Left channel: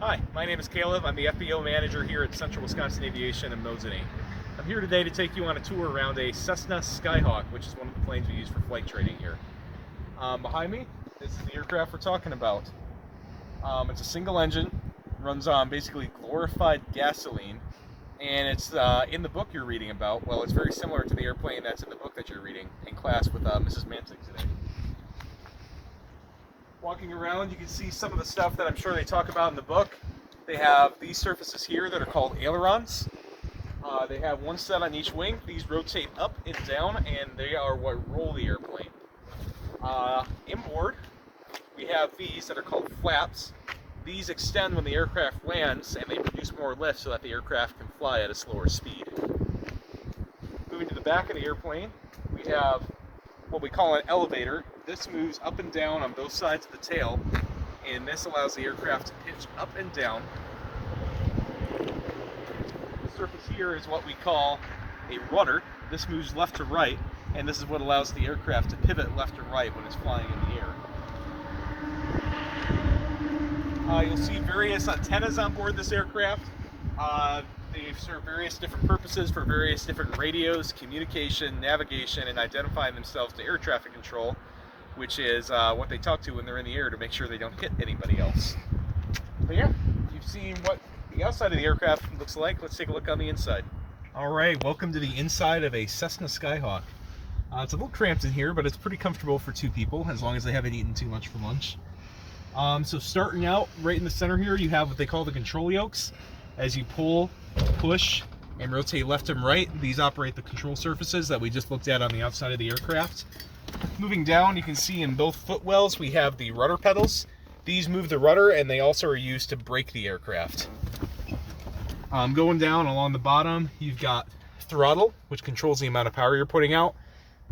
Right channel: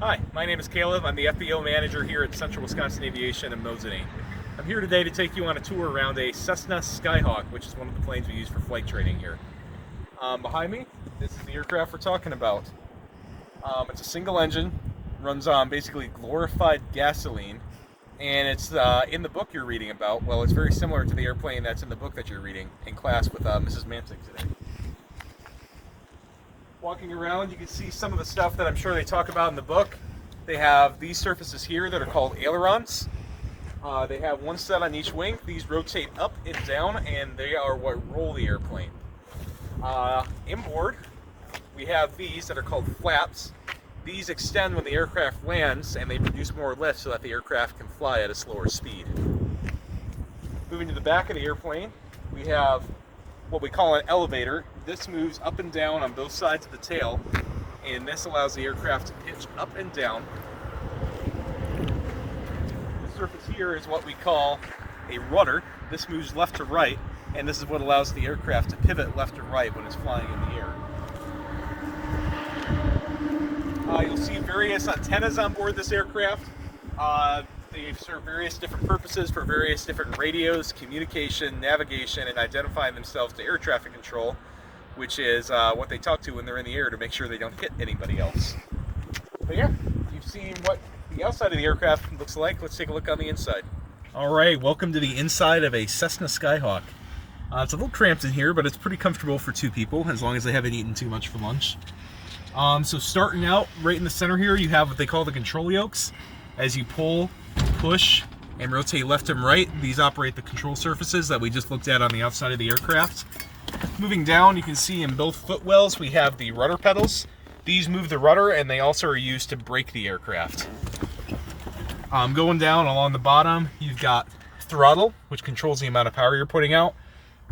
Hi, my name is Caleb. I'm the FBO manager here at Central Wisconsin Aviation in Mosinee. I'm here today to take you on a tour around a Cessna Skyhawk, which is one of the planes we use for flight training here. Behind me, this is the aircraft we're talking about. It's a single engine, runs on basically glorified gasoline, and it's in the book you're reading about. Well, it's very similar to the airplane that's in the book that you're reading in class with Mrs. Mantic today. Walking around, you can see some of the stuff that I'm sure they talk about in the book. They have these surfaces here that are called ailerons. They have one set on each wing. These rotate up and down, and they are what roll the airplane. Inboard, we have these that are called flaps. These extend when the aircraft lands, and they produce more lift so that the aircraft can fly at a slower speed. Moving to the back of the airplane, we have what we call an elevator. This moves up and down on both sides of the tail, and this allows the aircraft to pitch up and down. The surface here is what we call a rudder. This moves left to right, and this is what allows the aircraft to pivot left to right when it's flying in the air. You'll see various antennas on board this aircraft. They serve various different purposes for various different radios, communication, navigation, and identifying themselves to air traffic control, which is what they talk to when they're in the air to make sure they don't hit anybody else. But yeah, you've seen what the outside of the aircraft looks like. Let's take a look on the inside. All right, welcome to the inside of a Cessna Skyhawk. It's a little cramped in here, but it's pretty comfortable for two people, as long as they haven't eaten too much for lunch. So starting out right in the center here, you have what they call the control yokes. As you pull, push, and rotate left and right, these operate the control surfaces that we just looked at on the outside of the aircraft. Moving down, you can see in both footwells we have the rudder pedals. These move the rudder, and they also are used to brake the aircraft. Going down along the bottom, you've got throttle, which controls the amount of power you're putting out.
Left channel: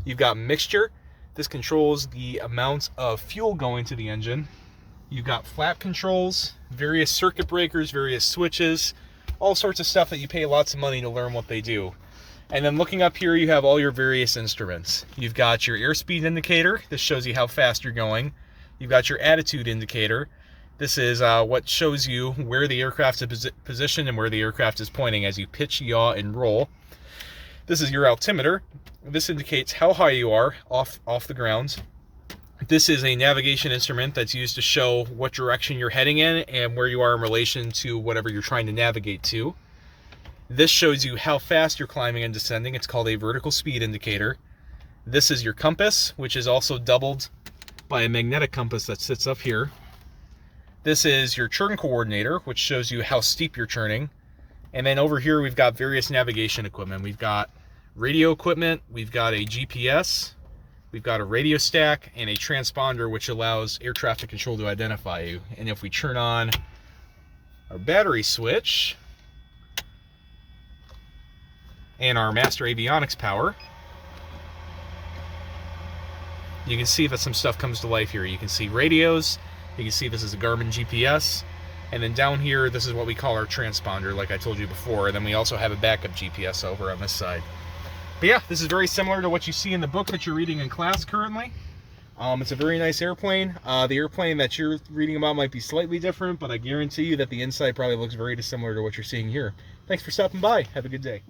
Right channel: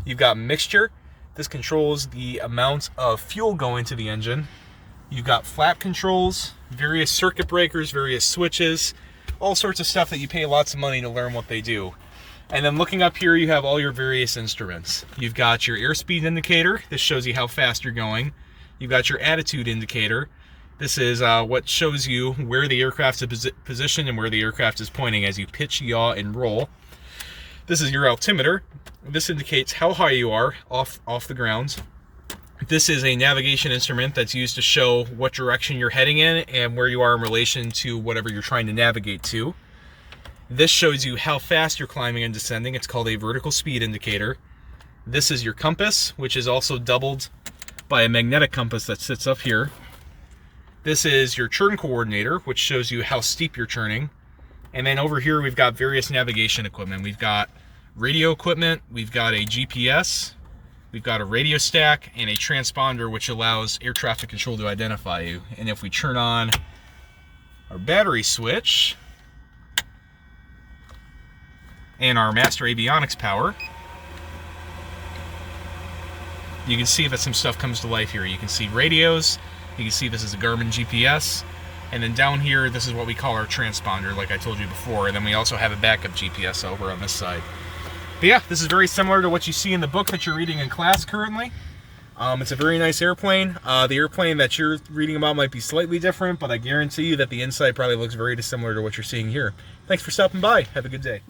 You've got mixture. This controls the amount of fuel going to the engine. You've got flap controls, various circuit breakers, various switches, all sorts of stuff that you pay lots of money to learn what they do. And then looking up here, you have all your various instruments. You've got your airspeed indicator. This shows you how fast you're going. You've got your attitude indicator. This is what shows you where the aircraft is positioned and where the aircraft is pointing as you pitch, yaw, and roll. This is your altimeter. This indicates how high you are off the ground. This is a navigation instrument that's used to show what direction you're heading in and where you are in relation to whatever you're trying to navigate to. This shows you how fast you're climbing and descending. It's called a vertical speed indicator. This is your compass, which is also doubled by a magnetic compass that sits up here. This is your churn coordinator, which shows you how steep you're churning. And then over here, we've got various navigation equipment. We've got radio equipment, we've got a GPS, we've got a radio stack, and a transponder, which allows air traffic control to identify you. And if we turn on our battery switch and our master avionics power, you can see that some stuff comes to life here. You can see radios, you can see this is a Garmin GPS, and then down here, this is what we call our transponder, like I told you before. And then we also have a backup GPS over on this side. But yeah, this is very similar to what you see in the book that you're reading in class currently. It's a very nice airplane. The airplane that you're reading about might be slightly different, but I guarantee you that the inside probably looks very similar to what you're seeing here. Thanks for stopping by. Have a good day.